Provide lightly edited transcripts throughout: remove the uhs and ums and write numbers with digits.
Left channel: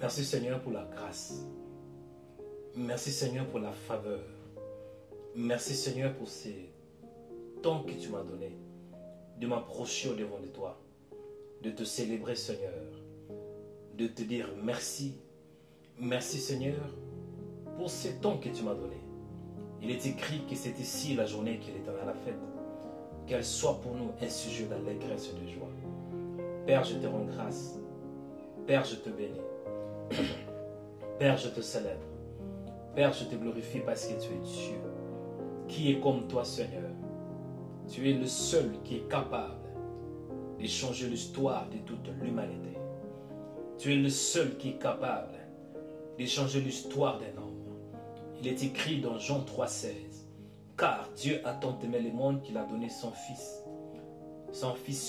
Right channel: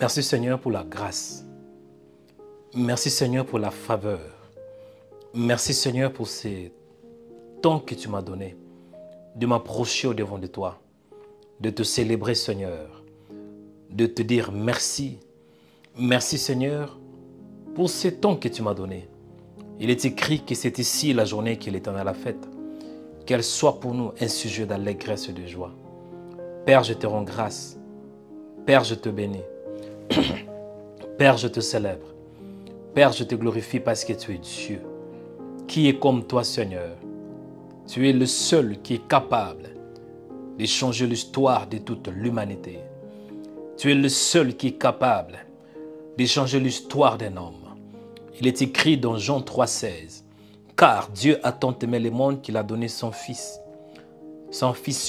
Merci Seigneur pour la grâce. Merci Seigneur pour la faveur. Merci Seigneur pour ces temps que tu m'as donné de m'approcher au devant de toi, de te célébrer Seigneur, de te dire merci. Merci Seigneur pour ces temps que tu m'as donné. Il est écrit que c'est ici la journée que l'Éternel a faite. Qu'elle soit pour nous un sujet d'allégresse et de joie. Père, je te rends grâce. Père, je te bénis. Père, je te célèbre. Père, je te glorifie parce que tu es Dieu. Qui est comme toi, Seigneur? Tu es le seul qui est capable de changer l'histoire de toute l'humanité. Tu es le seul qui est capable de changer l'histoire d'un homme. Il est écrit dans Jean 3,16. Car Dieu a tant aimé le monde qu'il a donné son Fils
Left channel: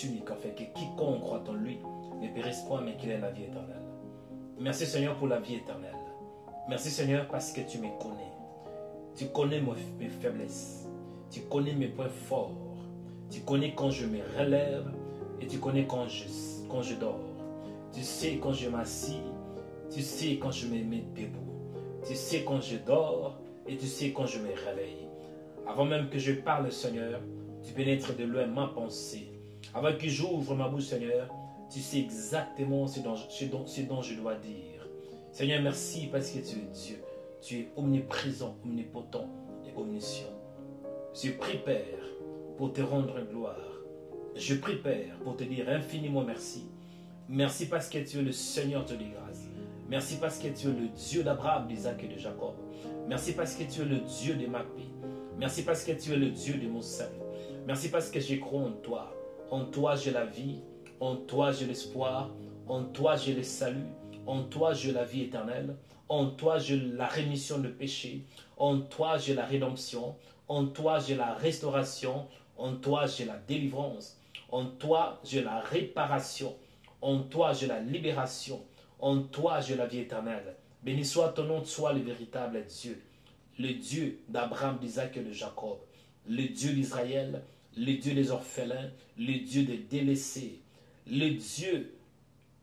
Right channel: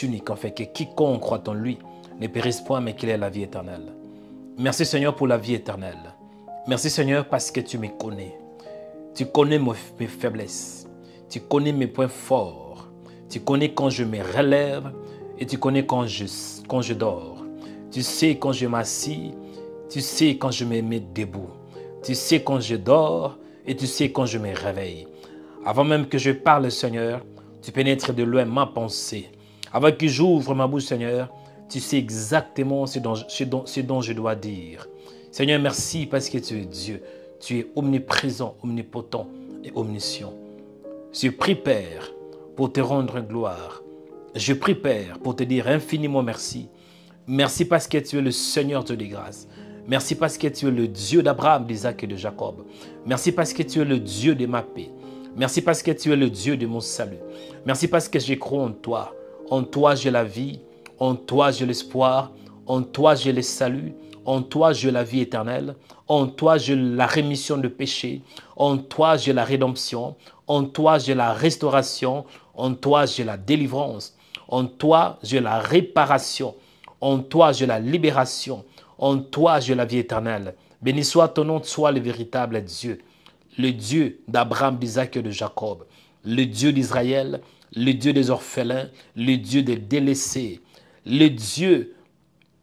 unique, en fait, que quiconque croit en lui ne périsse point, mais qu'il ait la vie éternelle. Merci Seigneur pour la vie éternelle. Merci Seigneur parce que tu me connais. Tu connais mes faiblesses. Tu connais mes points forts. Tu connais quand je me relève et tu connais quand je dors. Tu sais quand je m'assis. Tu sais quand je me mets debout. Tu sais quand je dors et tu sais quand je me réveille. Avant même que je parle, Seigneur, tu pénètres de loin ma pensée. Avant que j'ouvre ma bouche, Seigneur, tu sais exactement ce dont je dois dire. Seigneur, merci parce que tu es Dieu. Tu es omniprésent, omnipotent et omniscient. Je prie, Père, pour te rendre gloire. Je prie, Père, pour te dire infiniment merci. Merci parce que tu es le Seigneur de grâce. Merci parce que tu es le Dieu d'Abraham, d'Isaac et de Jacob. Merci parce que tu es le Dieu de ma paix. Merci parce que tu es le Dieu de mon salut. Merci parce que je crois en toi. En toi, j'ai la vie. En toi, j'ai l'espoir. En toi, j'ai le salut. En toi, j'ai la vie éternelle. En toi, j'ai la rémission de péché. En toi, j'ai la rédemption. En toi, j'ai la restauration. En toi, j'ai la délivrance. En toi, j'ai la réparation. En toi, j'ai la libération. En toi, j'ai la vie éternelle. Béni soit ton nom, sois le véritable Dieu. Le Dieu d'Abraham, d'Isaac et de Jacob. Le Dieu d'Israël. Le Dieu des orphelins. Le Dieu des délaissés. Le Dieu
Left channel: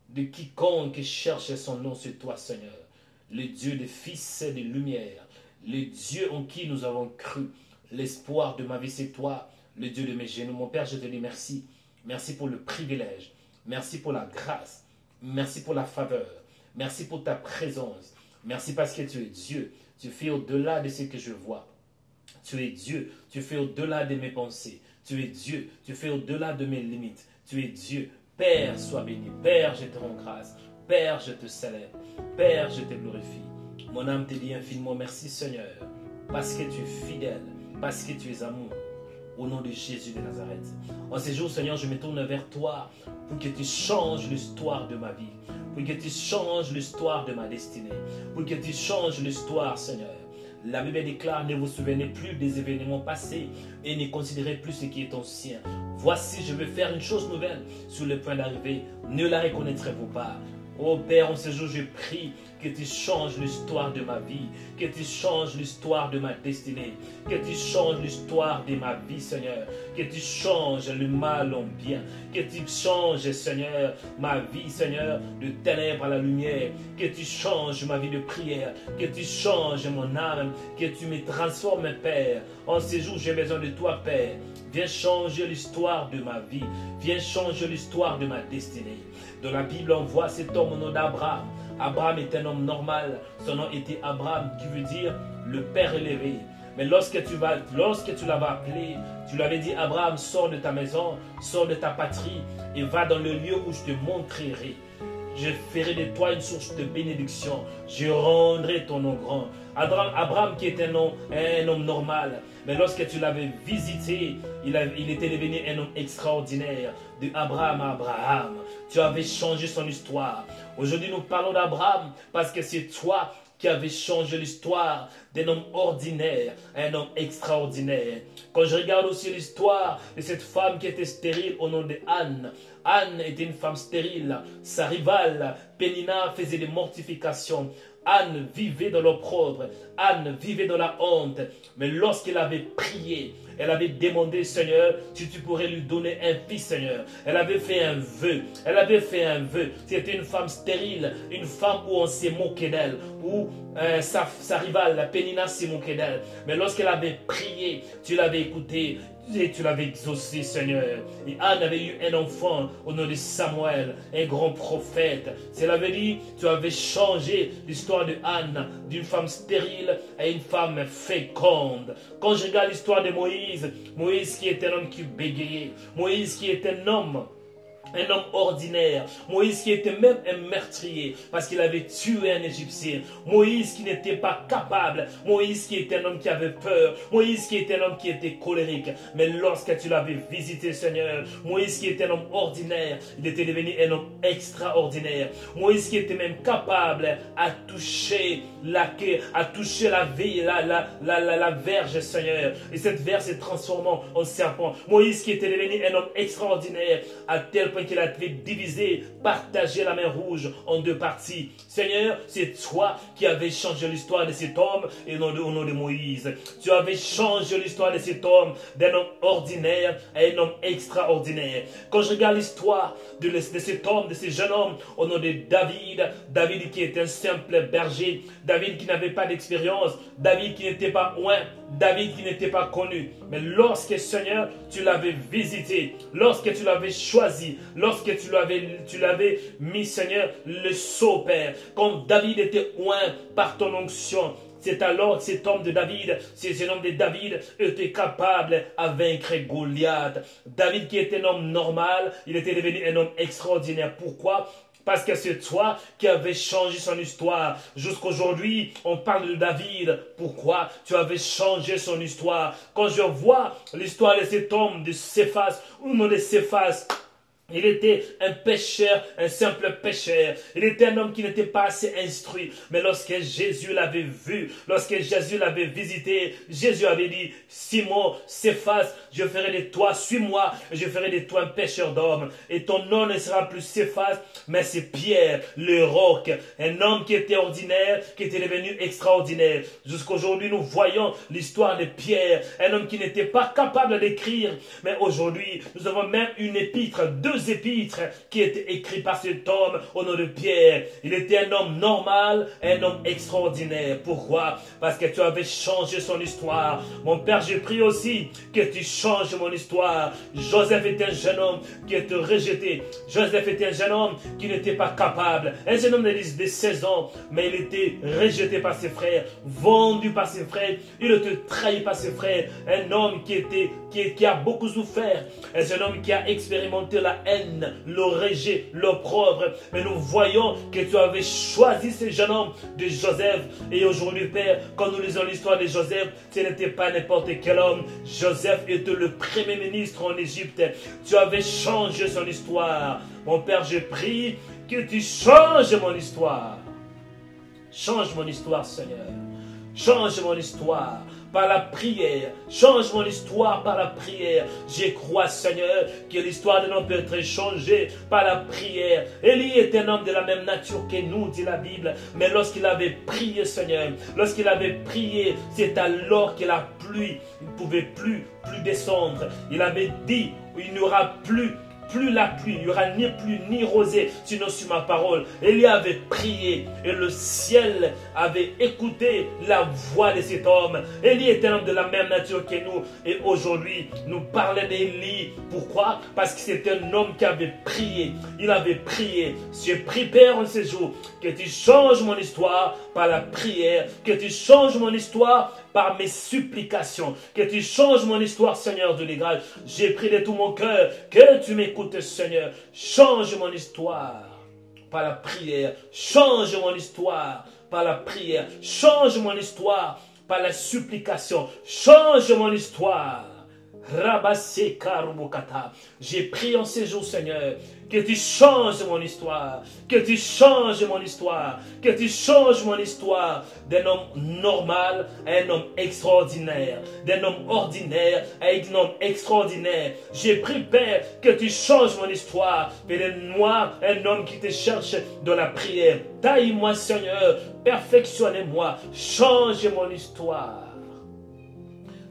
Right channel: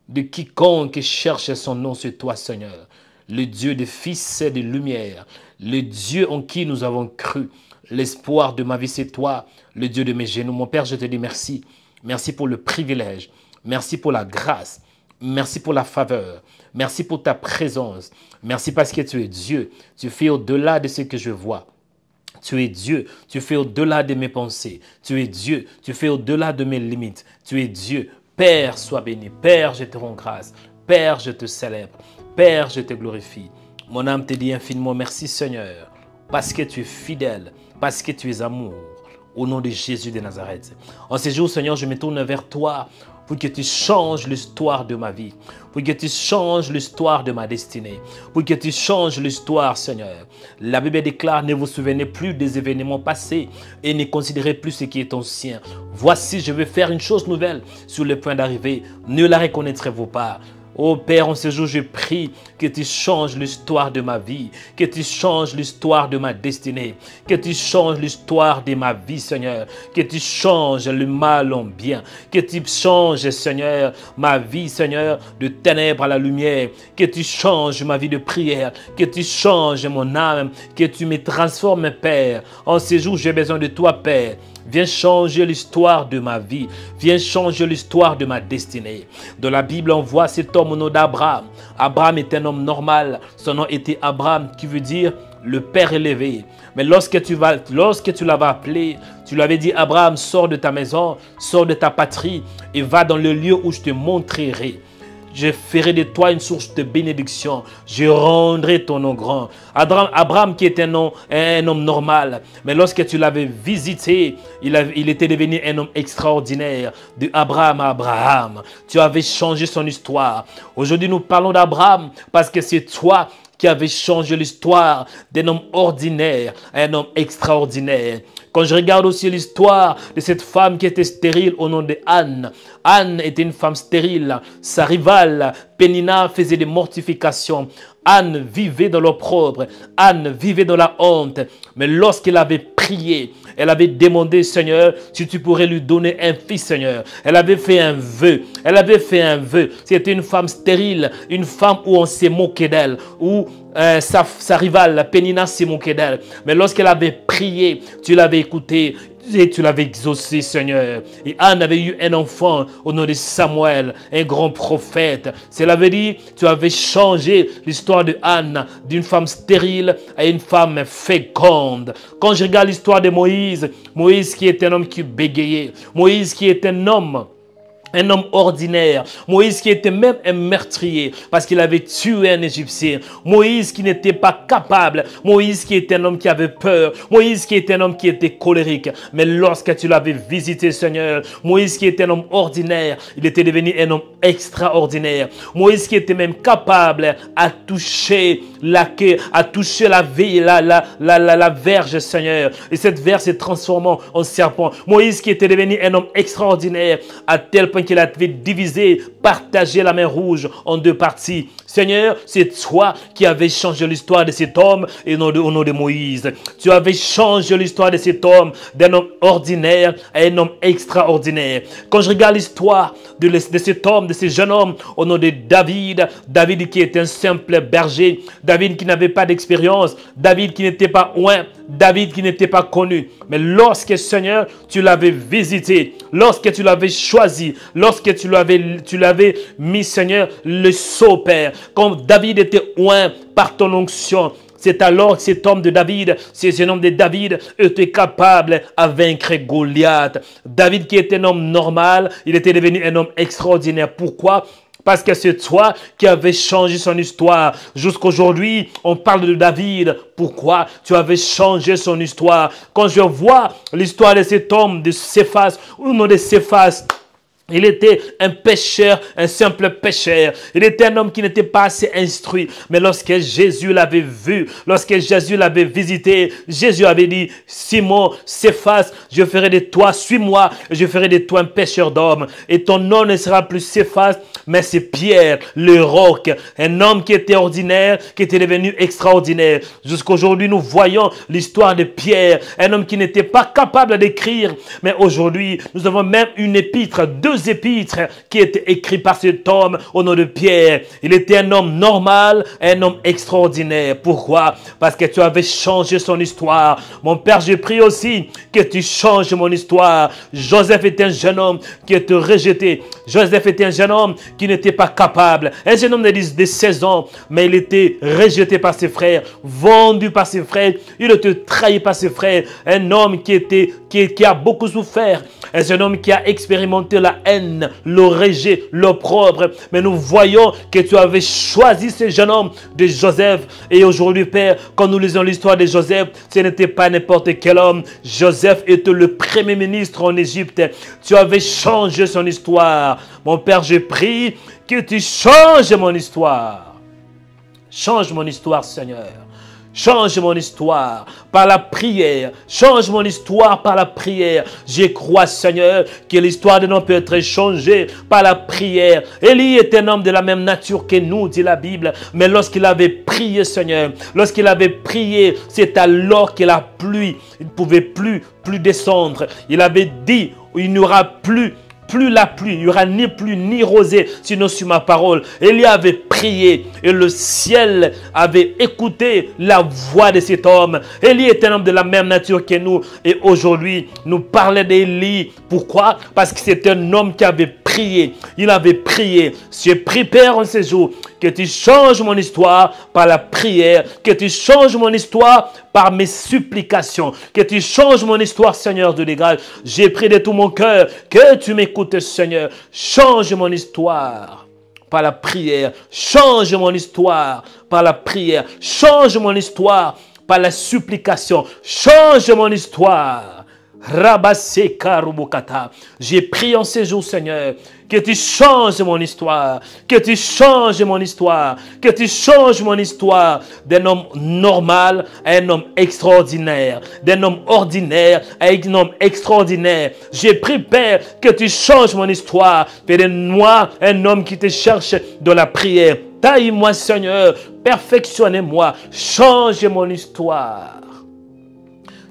de quiconque cherche son nom, c'est toi, Seigneur. Le Dieu des fils et de lumière. Le Dieu en qui nous avons cru. L'espoir de ma vie, c'est toi, le Dieu de mes genoux. Mon Père, je te dis merci. Merci pour le privilège. Merci pour la grâce. Merci pour la faveur. Merci pour ta présence. Merci parce que tu es Dieu. Tu fais au-delà de ce que je vois. Tu es Dieu. Tu fais au-delà de mes pensées. Tu es Dieu. Tu fais au-delà de mes limites. Tu es Dieu. Père, sois béni. Père, je te rends grâce. Père, je te célèbre. Père, je te glorifie. Mon âme te dit infiniment merci, Seigneur, parce que tu es fidèle, parce que tu es amour. Au nom de Jésus de Nazareth. En ces jours, Seigneur, je me tourne vers toi pour que tu changes l'histoire de ma vie, pour que tu changes l'histoire de ma destinée, pour que tu changes l'histoire, Seigneur. La Bible déclare, ne vous souvenez plus des événements passés et ne considérez plus ce qui est ancien. Voici, je vais faire une chose nouvelle sur le point d'arriver. Ne la reconnaîtrez-vous pas? Oh Père, en ce jour, je prie que tu changes l'histoire de ma vie, que tu changes l'histoire de ma destinée, que tu changes l'histoire de ma vie, Seigneur, que tu changes le mal en bien, que tu changes, Seigneur, ma vie, Seigneur, de ténèbres à la lumière, que tu changes ma vie de prière, que tu changes mon âme, que tu me transformes, Père. En ce jour, j'ai besoin de toi, Père. Viens changer l'histoire de ma vie. Viens changer l'histoire de ma destinée. Dans la Bible, on voit cet homme au nom d'Abraham. Abraham est un homme normal. Son nom était Abraham, qui veut dire le Père élevé. Mais lorsque tu l'avais appelé, tu lui avais dit, Abraham, sors de ta maison, sors de ta patrie et va dans le lieu où je te montrerai. Je ferai de toi une source de bénédiction. Je rendrai ton nom grand. Abraham qui est un homme normal. Mais lorsque tu l'avais visité, il était devenu un homme extraordinaire. De Abraham à Abraham. Tu avais changé son histoire. Aujourd'hui, nous parlons d'Abraham parce que c'est toi qui avais changé l'histoire d'un homme ordinaire à un homme extraordinaire. Quand je regarde aussi l'histoire de cette femme qui était stérile au nom de Anne. Anne était une femme stérile. Sa rivale, Pénina, faisait des mortifications. Anne vivait dans l'opprobre. Anne vivait dans la honte. Mais lorsqu'elle avait prié, Elle avait demandé, Seigneur, si tu pourrais lui donner un fils, Seigneur. Elle avait fait un vœu. Elle avait fait un vœu. C'était une femme stérile, une femme où on s'est moqué d'elle, où sa rivale, Pénina, s'est moquée d'elle. Mais lorsqu'elle avait prié, tu l'avais écoutée. Et tu l'avais exaucé, Seigneur. Et Anne avait eu un enfant au nom de Samuel, un grand prophète. Cela veut dire, tu avais changé l'histoire de Anne d'une femme stérile à une femme féconde. Quand je regarde l'histoire de Moïse, Moïse qui est un homme qui bégayait, Moïse qui est un homme ordinaire. Moïse qui était même un meurtrier parce qu'il avait tué un Égyptien. Moïse qui n'était pas capable. Moïse qui était un homme qui avait peur. Moïse qui était un homme qui était colérique. Mais lorsque tu l'avais visité, Seigneur, Moïse qui était un homme ordinaire, il était devenu un homme extraordinaire. Moïse qui était même capable à toucher la verge, Seigneur. Et cette verge se transformant en serpent. Moïse qui était devenu un homme extraordinaire à tel point qu'il avait divisé, partagé la mer Rouge en deux parties. Seigneur, c'est toi qui avais changé l'histoire de cet homme et non au nom de Moïse. Tu avais changé l'histoire de cet homme d'un homme ordinaire à un homme extraordinaire. Quand je regarde l'histoire de cet homme, de ce jeune homme au nom de David, David qui était un simple berger, David qui n'avait pas d'expérience, David qui n'était pas oint, David qui n'était pas connu. Mais lorsque, Seigneur, tu l'avais visité, lorsque tu l'avais choisi, lorsque tu l'avais mis, Seigneur, le sceau, Père, quand David était oint par ton onction, c'est alors que cet homme de David, ce jeune homme de David, était capable à vaincre Goliath. David qui était un homme normal, il était devenu un homme extraordinaire. Pourquoi ? Parce que c'est toi qui avais changé son histoire. Jusqu'aujourd'hui, on parle de David. Pourquoi tu avais changé son histoire? Quand je vois l'histoire de cet homme, de Céphas, ou non de Céphas, il était un pécheur, un simple pécheur. Il était un homme qui n'était pas assez instruit. Mais lorsque Jésus l'avait vu, lorsque Jésus l'avait visité, Jésus avait dit, Simon, Céphas, je ferai de toi, suis-moi, je ferai de toi un pécheur d'hommes. Et ton nom ne sera plus Céphas, mais c'est Pierre, le roc. Un homme qui était ordinaire, qui était devenu extraordinaire. Jusqu'aujourd'hui, nous voyons l'histoire de Pierre, un homme qui n'était pas capable d'écrire. Mais aujourd'hui, nous avons même une épître, deux épîtres qui étaient écrits par cet homme au nom de Pierre. Il était un homme normal, un homme extraordinaire. Pourquoi? Parce que tu avais changé son histoire. Mon Père, je prie aussi que tu changes mon histoire. Joseph était un jeune homme qui était rejeté. Joseph était un jeune homme qui n'était pas capable. Un jeune homme de 16 ans, mais il était rejeté par ses frères, vendu par ses frères. Il était trahi par ses frères. Un homme qui a beaucoup souffert. Un jeune homme qui a expérimenté la haine, le rejet, l'opprobre. Mais nous voyons que tu avais choisi ce jeune homme de Joseph. Et aujourd'hui, Père, quand nous lisons l'histoire de Joseph, ce n'était pas n'importe quel homme. Joseph était le premier ministre en Égypte. Tu avais changé son histoire. Mon Père, je prie que tu changes mon histoire. Change mon histoire, Seigneur. Change mon histoire par la prière. Change mon histoire par la prière. Je crois, Seigneur, que l'histoire de l'homme peut être changée par la prière. Élie est un homme de la même nature que nous, dit la Bible. Mais lorsqu'il avait prié, Seigneur, lorsqu'il avait prié, c'est alors que la pluie, il ne pouvait plus descendre. Il avait dit, il n'y aura plus la pluie, il n'y aura ni pluie ni rosée, sinon sur ma parole. Élie avait prié et le ciel avait écouté la voix de cet homme. Élie est un homme de la même nature que nous. Et aujourd'hui, nous parlons d'Élie. Pourquoi? Parce que c'est un homme qui avait prié. Il avait prié. J'ai pris, Père, en ce jour, que tu changes mon histoire par la prière, que tu changes mon histoire par mes supplications, que tu changes mon histoire, Seigneur de l'Égal. J'ai prié de tout mon cœur que tu m'écoutes, Seigneur. Change mon histoire par la prière. Change mon histoire par la prière. Change mon histoire par la supplication. Change mon histoire. J'ai prié en ces jours, Seigneur, que tu changes mon histoire, que tu changes mon histoire, que tu changes mon histoire d'un homme normal à un homme extraordinaire, d'un homme ordinaire à un homme extraordinaire. J'ai prié, Père, que tu changes mon histoire, fais de moi un homme qui te cherche dans la prière. Taille-moi, Seigneur, perfectionne-moi, change mon histoire.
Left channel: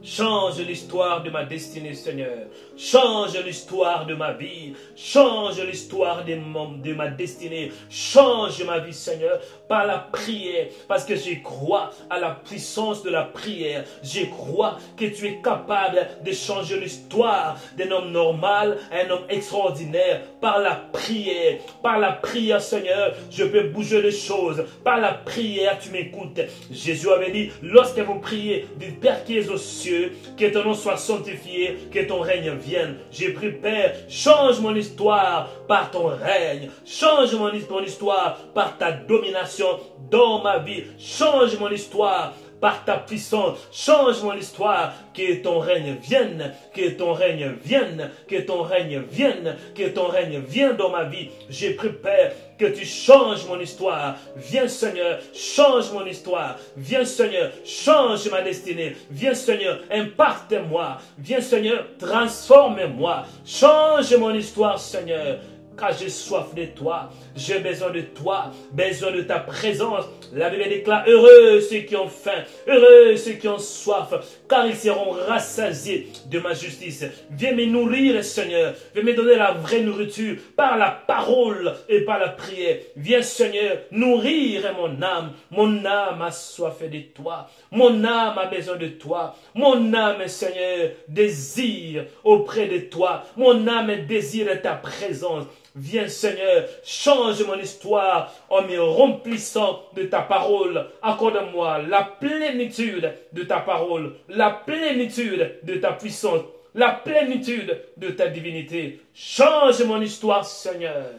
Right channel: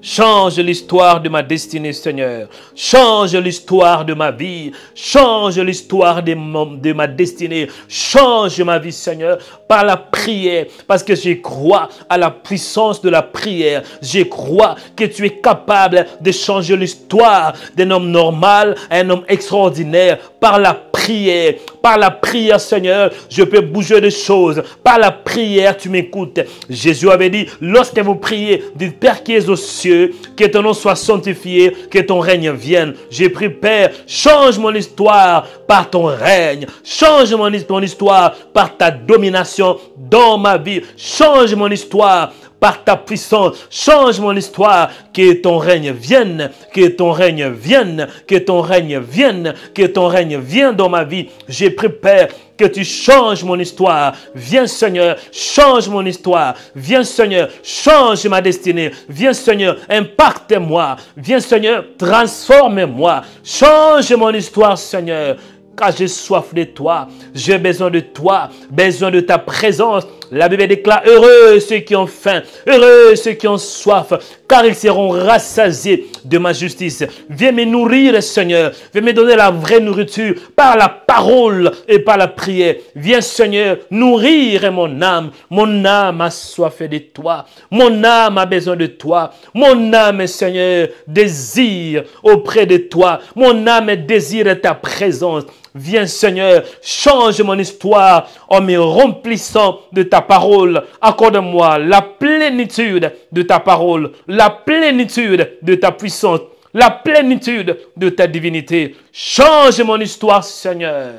Change l'histoire de ma destinée, Seigneur. Change l'histoire de ma vie. Change l'histoire de ma destinée. Change ma vie, Seigneur, par la prière. Parce que je crois à la puissance de la prière. Je crois que tu es capable de changer l'histoire d'un homme normal à un homme extraordinaire. Par la prière. Par la prière, Seigneur, je peux bouger des choses. Par la prière, tu m'écoutes. Jésus avait dit, lorsque vous priez, dites Père qui es aux cieux, que ton nom soit sanctifié, que ton règne vienne. J'ai pris, Père, change mon histoire par ton règne. Change mon histoire par ta domination dans ma vie. Change mon histoire par ta puissance. Change mon histoire, que ton règne vienne, que ton règne vienne, que ton règne vienne, que ton règne vienne dans ma vie. J'ai pris, Père, que tu changes mon histoire. Viens, Seigneur, change mon histoire. Viens, Seigneur, change ma destinée. Viens, Seigneur, impacte-moi. Viens, Seigneur, transforme-moi. Change mon histoire, Seigneur. Car j'ai soif de toi, j'ai besoin de toi, besoin de ta présence. La Bible déclare, heureux ceux qui ont faim, heureux ceux qui ont soif, car ils seront rassasiés de ma justice. Viens me nourrir, Seigneur, viens me donner la vraie nourriture par la parole et par la prière. Viens, Seigneur, nourrir mon âme. Mon âme a soif de toi, mon âme a besoin de toi. Mon âme, Seigneur, désire auprès de toi. Mon âme désire ta présence. Viens, Seigneur, change mon histoire en me remplissant de ta parole. Accorde-moi la plénitude de ta parole, la plénitude de ta puissance, la plénitude de ta divinité. Change mon histoire, Seigneur.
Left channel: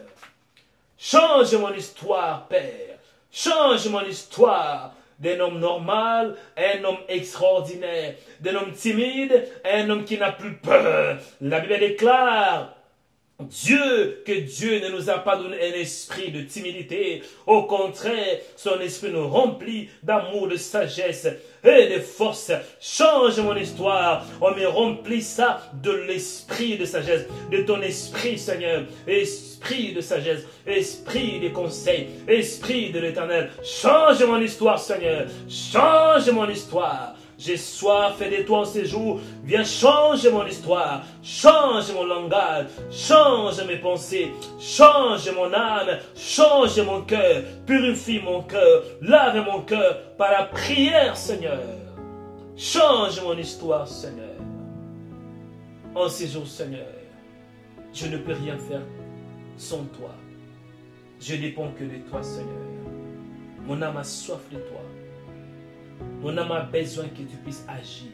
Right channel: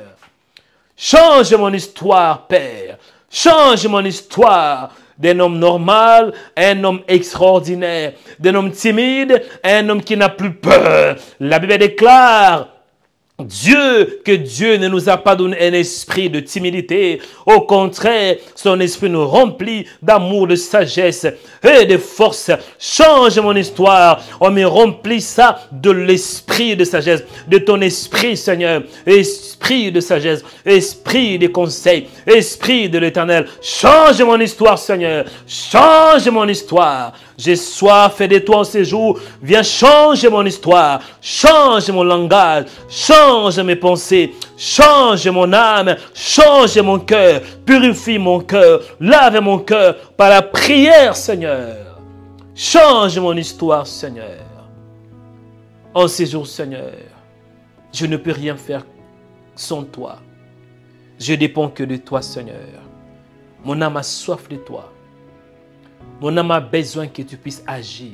Change mon histoire, Père. Change mon histoire d'un homme normal à un homme extraordinaire, d'un homme timide à un homme qui n'a plus peur. La Bible déclare, que Dieu ne nous a pas donné un esprit de timidité. Au contraire, son esprit nous remplit d'amour, de sagesse et de force. Change mon histoire. On me remplit ça de l'esprit de sagesse, de ton esprit, Seigneur. Esprit de sagesse, esprit de conseil, esprit de l'Éternel. Change mon histoire, Seigneur. Change mon histoire. J'ai soif de toi en ces jours. Viens changer mon histoire. Change mon langage. Change mes pensées. Change mon âme. Change mon cœur. Purifie mon cœur. Lave mon cœur par la prière, Seigneur. Change mon histoire, Seigneur. En ces jours, Seigneur, je ne peux rien faire sans toi. Je dépends que de toi, Seigneur. Mon âme a soif de toi. Mon âme a besoin que tu puisses agir.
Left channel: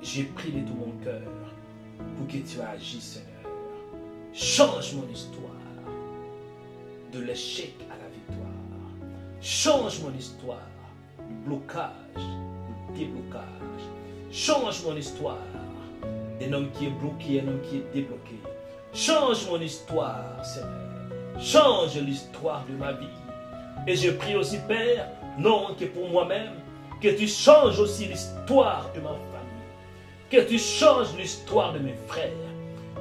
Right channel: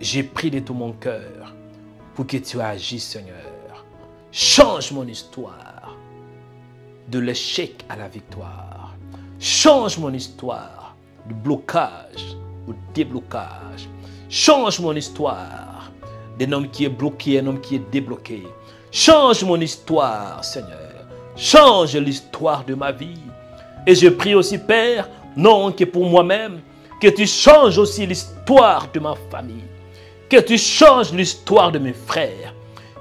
J'ai pris de tout mon cœur pour que tu agisses, Seigneur. Change mon histoire de l'échec à la victoire. Change mon histoire du blocage au déblocage. Change mon histoire d'un homme qui est bloqué, un homme qui est débloqué. Change mon histoire, Seigneur. Change l'histoire de ma vie. Et je prie aussi, Père, non que pour moi-même, que tu changes aussi l'histoire de ma famille. Que tu changes l'histoire de mes frères.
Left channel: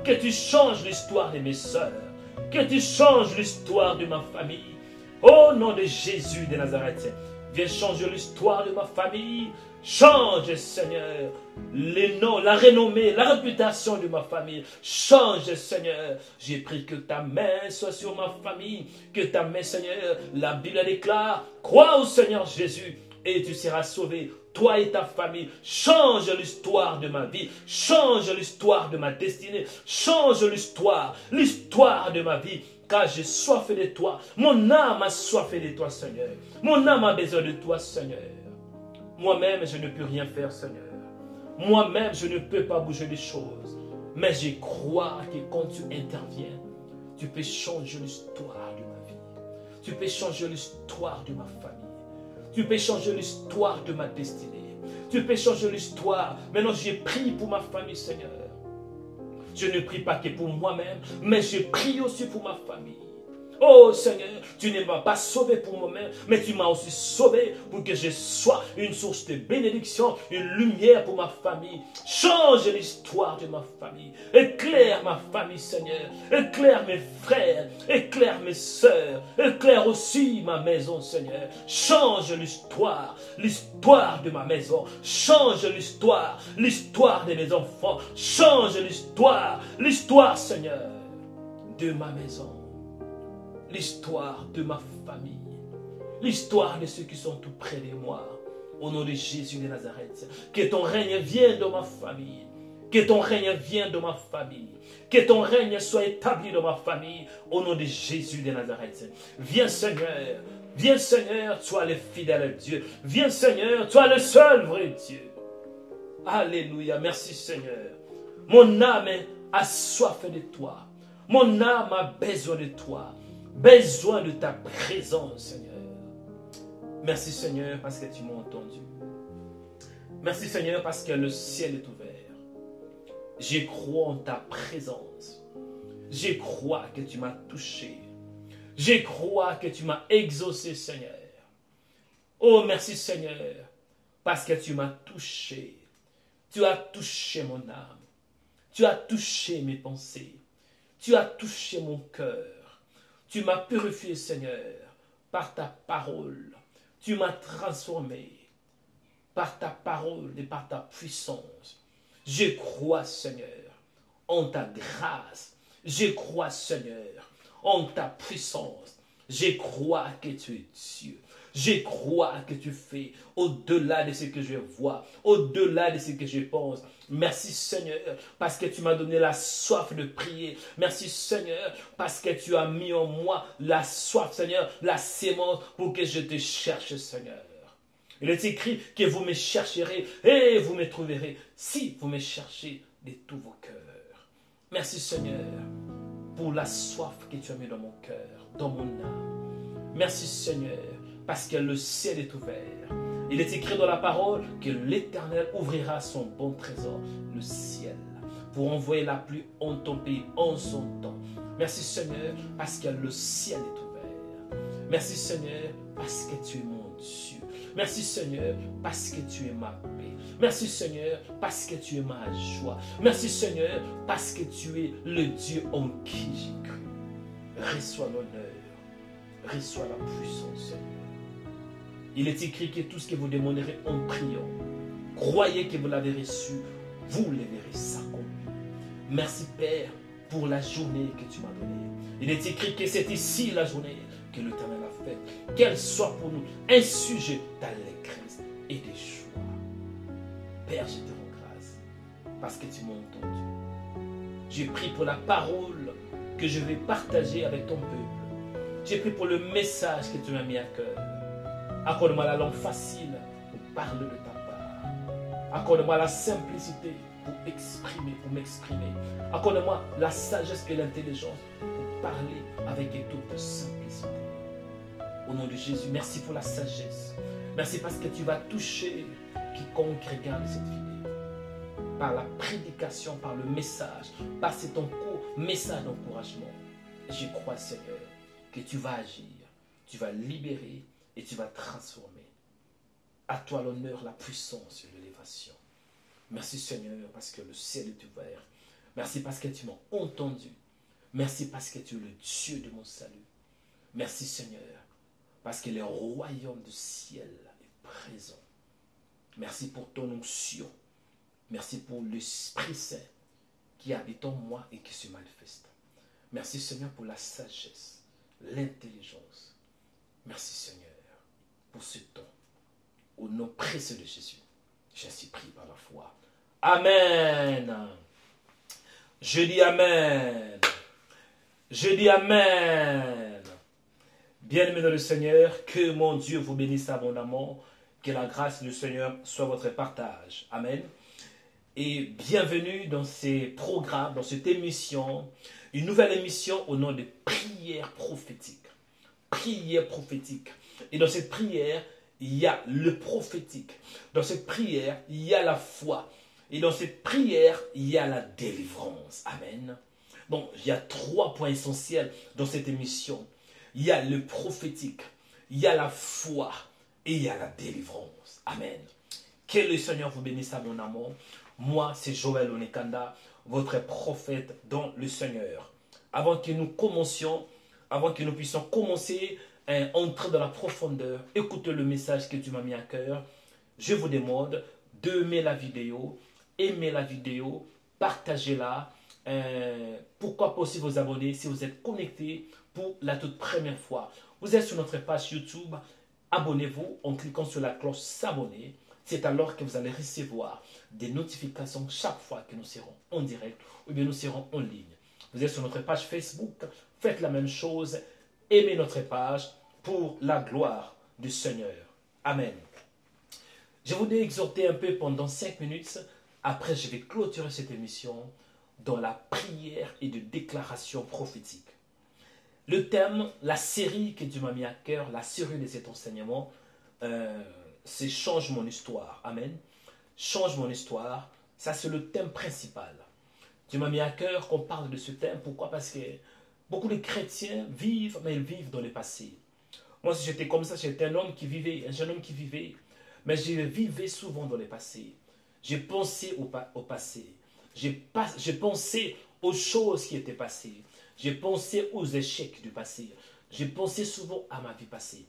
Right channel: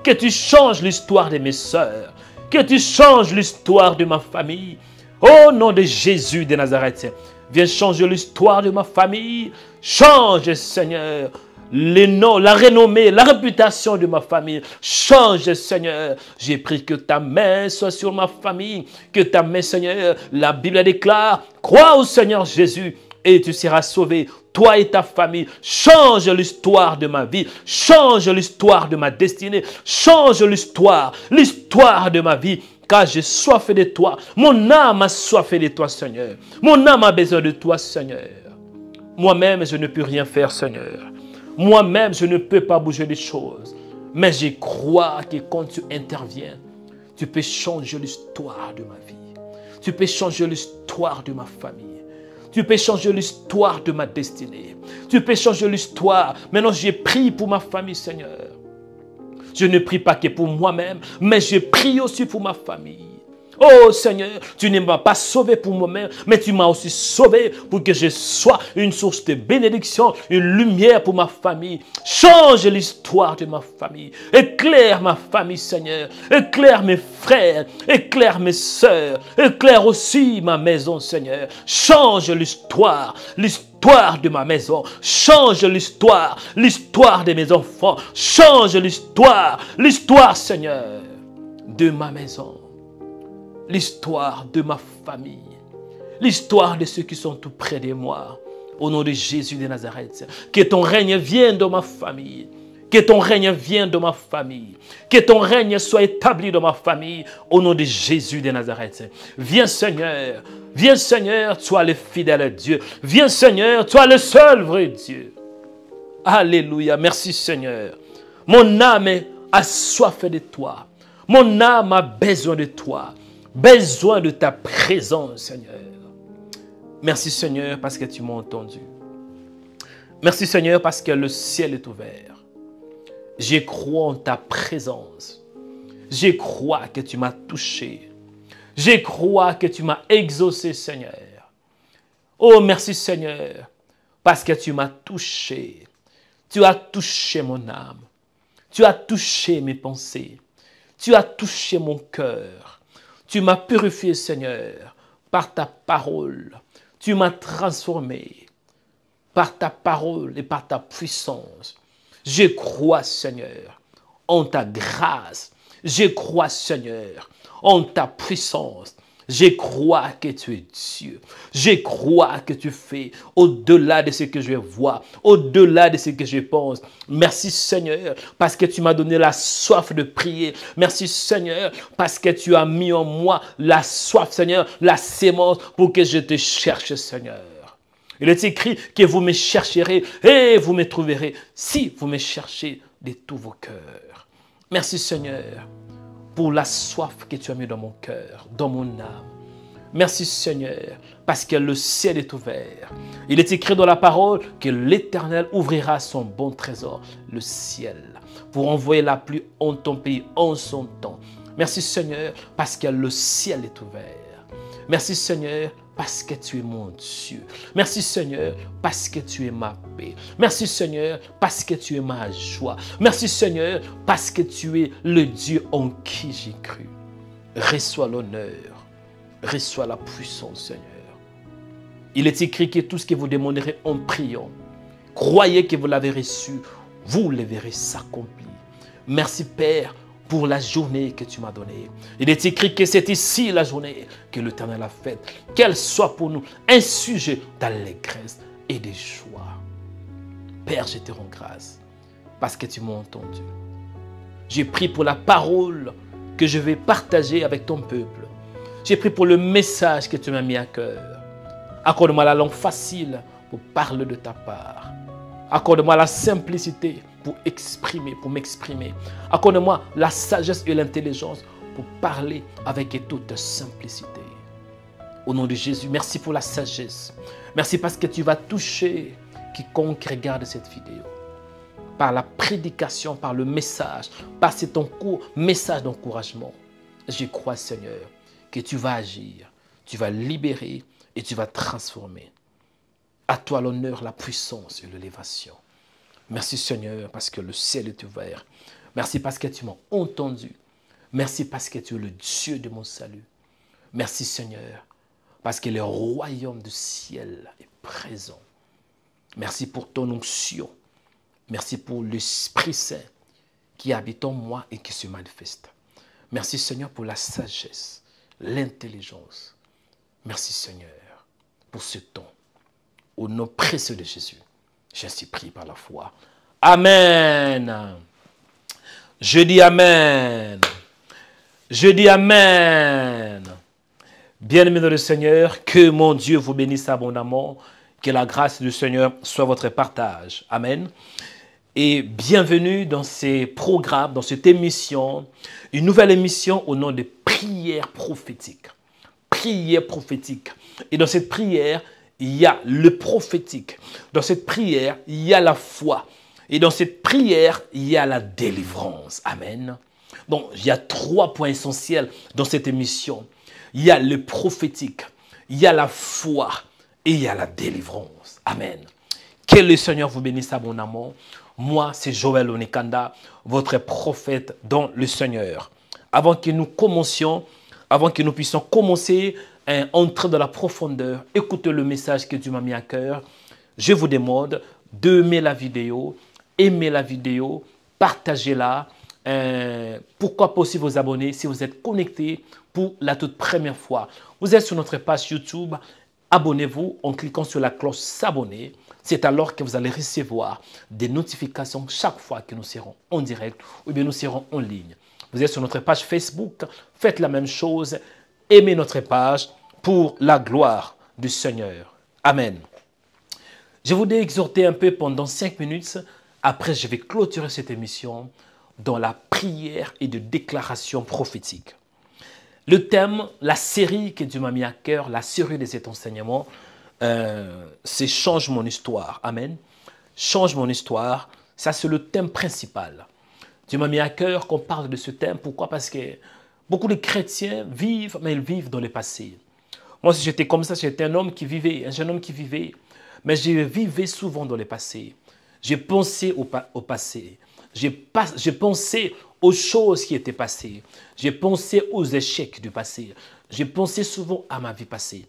Que tu changes l'histoire de mes sœurs. Que tu changes l'histoire de ma famille. Au nom de Jésus de Nazareth, viens changer l'histoire de ma famille. Change, Seigneur, les noms, la renommée, la réputation de ma famille. Change, Seigneur. J'ai pris que ta main soit sur ma famille. Que ta main, Seigneur, la Bible déclare, crois au Seigneur Jésus et tu seras sauvé, toi et ta famille. Change l'histoire de ma vie. Change l'histoire de ma destinée. Change l'histoire de ma vie. Car j'ai soif de toi. Mon âme a soif de toi, Seigneur. Mon âme a besoin de toi, Seigneur. Moi-même, je ne peux rien faire, Seigneur. Moi-même, je ne peux pas bouger les choses. Mais je crois que quand tu interviens, tu peux changer l'histoire de ma vie. Tu peux changer l'histoire de ma famille. Tu peux changer l'histoire de ma destinée. Tu peux changer l'histoire. Maintenant, j'ai prié pour ma famille, Seigneur. Je ne prie pas que pour moi-même, mais je prie aussi pour ma famille. Oh Seigneur, tu ne m'as pas sauvé pour moi-même, mais tu m'as aussi sauvé pour que je sois une source de bénédiction, une lumière pour ma famille. Change l'histoire de ma famille. Éclaire ma famille, Seigneur. Éclaire mes frères. Éclaire mes sœurs. Éclaire aussi ma maison, Seigneur. Change l'histoire. L'histoire de ma maison. Change l'histoire. L'histoire de mes enfants. Change l'histoire. L'histoire, Seigneur, de ma maison. L'histoire de ma famille, l'histoire de ceux qui sont tout près de moi, au nom de Jésus de Nazareth. Que ton règne vienne dans ma famille, que ton règne vienne dans ma famille, que ton règne soit établi dans ma famille, au nom de Jésus de Nazareth. Viens Seigneur, toi le fidèle Dieu, viens Seigneur, toi le seul vrai Dieu. Alléluia, merci Seigneur. Mon âme a soif de toi, mon âme a besoin de toi. Besoin de ta présence, Seigneur. Merci, Seigneur, parce que tu m'as entendu. Merci, Seigneur, parce que le ciel est ouvert. Je crois en ta présence. Je crois que tu m'as touché. Je crois que tu m'as exaucé, Seigneur. Oh, merci, Seigneur, parce que tu m'as touché. Tu as touché mon âme. Tu as touché mes pensées. Tu as touché mon cœur. Tu m'as purifié, Seigneur, par ta parole. Tu m'as transformé par ta parole et par ta puissance. Je crois, Seigneur, en ta grâce. Je crois, Seigneur, en ta puissance. Je crois que tu es Dieu. Je crois que tu fais au-delà de ce que je vois, au-delà de ce que je pense. Merci Seigneur, parce que tu m'as donné la soif de prier. Merci Seigneur, parce que tu as mis en moi la soif, Seigneur, la sémence pour que je te cherche, Seigneur. Il est écrit que vous me chercherez et vous me trouverez si vous me cherchez de tous vos cœurs. Merci Seigneur, pour la soif que tu as mis dans mon cœur, dans mon âme. Merci Seigneur, parce que le ciel est ouvert. Il est écrit dans la parole que l'Éternel ouvrira son bon trésor, le ciel, pour envoyer la pluie en ton pays en son temps. Merci Seigneur, parce que le ciel est ouvert. Merci Seigneur, parce que tu es mon Dieu. Merci Seigneur, parce que tu es ma paix. Merci Seigneur, parce que tu es ma joie. Merci Seigneur, parce que tu es le Dieu en qui j'ai cru. Reçois l'honneur, reçois la puissance Seigneur. Il est écrit que tout ce que vous demanderez en priant, croyez que vous l'avez reçu, vous le verrez s'accomplir. Merci Père, pour la journée que tu m'as donnée. Il est écrit que c'est ici la journée que l'Éternel a faite. Qu'elle soit pour nous un sujet d'allégresse et de joie. Père, je te rends grâce parce que tu m'as entendu. J'ai pris pour la parole que je vais partager avec ton peuple. J'ai pris pour le message que tu m'as mis à cœur. Accorde-moi la langue facile pour parler de ta part. Accorde-moi la simplicité pour m'exprimer. Accorde-moi la sagesse et l'intelligence pour parler avec toute simplicité. Au nom de Jésus, merci pour la sagesse. Merci parce que tu vas toucher quiconque regarde cette vidéo. Par la prédication, par le message, par cet message d'encouragement. Je crois, Seigneur, que tu vas agir, tu vas libérer et tu vas transformer. À toi l'honneur, la puissance et l'élévation. Merci Seigneur parce que le ciel est ouvert. Merci parce que tu m'as entendu. Merci parce que tu es le Dieu de mon salut. Merci Seigneur parce que le royaume du ciel est présent. Merci pour ton onction. Merci pour l'Esprit Saint qui habite en moi et qui se manifeste. Merci Seigneur pour la sagesse, l'intelligence. Merci Seigneur pour ce temps. Au nom précieux de Jésus, j'ainsi prie par la foi. Amen. Je dis Amen. Je dis Amen. Bien-aimés dans le Seigneur, que mon Dieu vous bénisse abondamment. Que la grâce du Seigneur soit votre partage. Amen. Et bienvenue dans ces programmes, dans cette émission, une nouvelle émission au nom de prière prophétique. Prière prophétique. Et dans cette prière, il y a le prophétique. Dans cette prière, il y a la foi. Et dans cette prière, il y a la délivrance. Amen. Donc, il y a 3 points essentiels dans cette émission. il y a le prophétique, il y a la foi et il y a la délivrance. Amen. Que le Seigneur vous bénisse abondamment. Moi, c'est Joël Onekanda, votre prophète dans le Seigneur. Avant que nous commencions, avant que nous puissions commencer à entrer dans la profondeur, écouter le message que Dieu m'a mis à cœur, je vous demande d'aimer la vidéo, partagez-la. Pourquoi pas aussi vous abonner si vous êtes connecté pour la toute première fois. Vous êtes sur notre page YouTube, abonnez-vous en cliquant sur la cloche s'abonner. C'est alors que vous allez recevoir des notifications chaque fois que nous serons en direct ou bien nous serons en ligne. Vous êtes sur notre page Facebook, faites la même chose, aimez notre page pour la gloire du Seigneur. Amen. Je voudrais exhorter un peu pendant 5 minutes. Après, je vais clôturer cette émission dans la prière et de déclaration prophétique. Le thème, la série que Dieu m'a mis à cœur, la série de cet enseignement, c'est « Change mon histoire ». Amen. Change mon histoire, ça c'est le thème principal. Dieu m'a mis à cœur qu'on parle de ce thème. Pourquoi? Parce que beaucoup de chrétiens vivent, mais ils vivent dans le passé. Moi, si j'étais comme ça, j'étais un homme qui vivait, un jeune homme qui vivait, mais je vivais souvent dans le passé. J'ai pensé au passé. J'ai pensé aux choses qui étaient passées. J'ai pensé aux échecs du passé. J'ai pensé souvent à ma vie passée.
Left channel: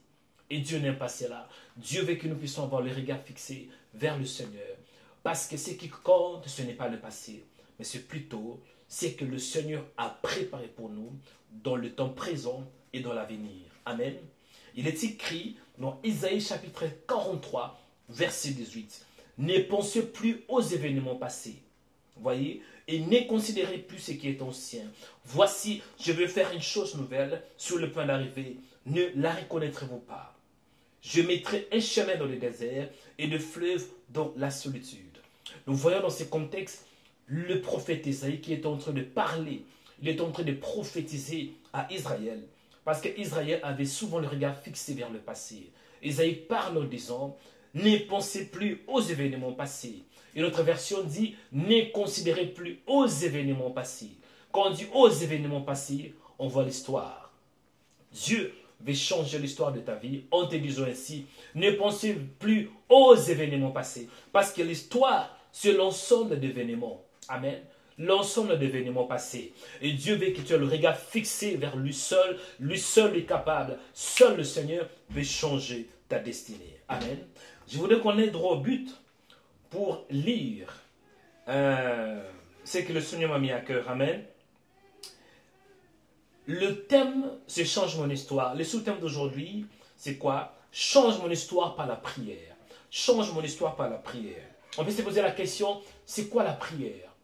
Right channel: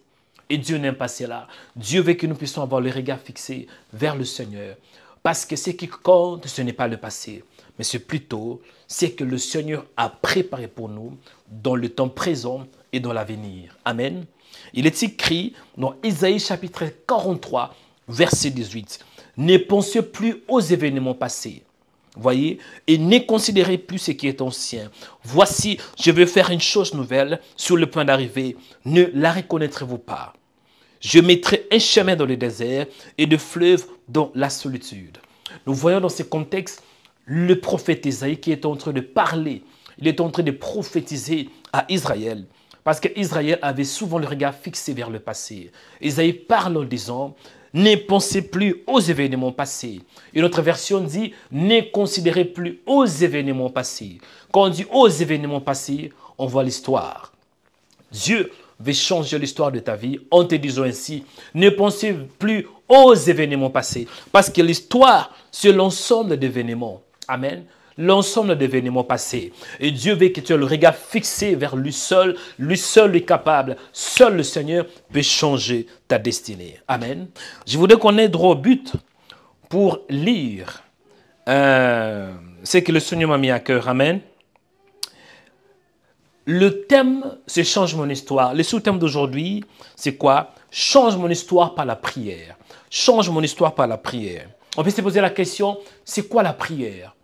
Et Dieu n'aime pas cela. Dieu veut que nous puissions avoir le regard fixé vers le Seigneur. Parce que ce qui compte, ce n'est pas le passé, mais c'est plutôt ce que le Seigneur a préparé pour nous dans le temps présent et dans l'avenir. Amen. Il est écrit dans Isaïe chapitre 43, verset 18. « Ne pensez plus aux événements passés. » Voyez, et ne considérez plus ce qui est ancien. Voici, je vais faire une chose nouvelle sur le point d'arriver. Ne la reconnaîtrez-vous pas? Je mettrai un chemin dans le désert et de fleuves dans la solitude. Nous voyons dans ce contexte le prophète Isaïe qui est en train de parler. Il est en train de prophétiser à Israël. Parce qu'Israël avait souvent le regard fixé vers le passé. Isaïe parle en disant, ne pensez plus aux événements passés. Une autre version dit, ne considérez plus aux événements passés. Quand on dit aux événements passés, on voit l'histoire. Dieu veut changer l'histoire de ta vie en te disant ainsi, ne pensez plus aux événements passés. Parce que l'histoire, c'est l'ensemble d'événements. Amen. L'ensemble d'événements passés. Et Dieu veut que tu aies le regard fixé vers lui seul est capable. Seul le Seigneur peut changer ta destinée. Amen. Je voudrais qu'on ait droit au but pour lire ce que le Seigneur m'a mis à cœur. Amen. Le thème, c'est « Change mon histoire ». Le sous-thème d'aujourd'hui, c'est quoi? Change mon histoire par la prière. Change mon histoire par la prière. On peut se poser la question, c'est quoi la prière?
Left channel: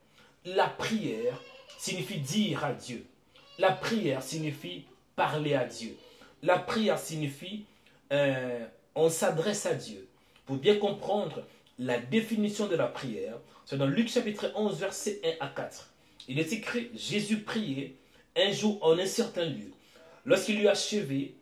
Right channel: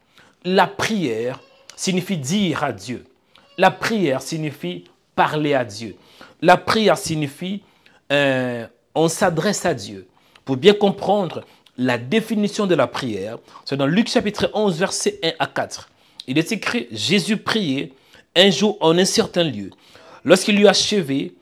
La prière signifie dire à Dieu. La prière signifie parler à Dieu. La prière signifie on s'adresse à Dieu. Pour bien comprendre la définition de la prière, c'est dans Luc chapitre 11, versets 1 à 4. Il est écrit, Jésus priait un jour en un certain lieu. Lorsqu'il eut achevé,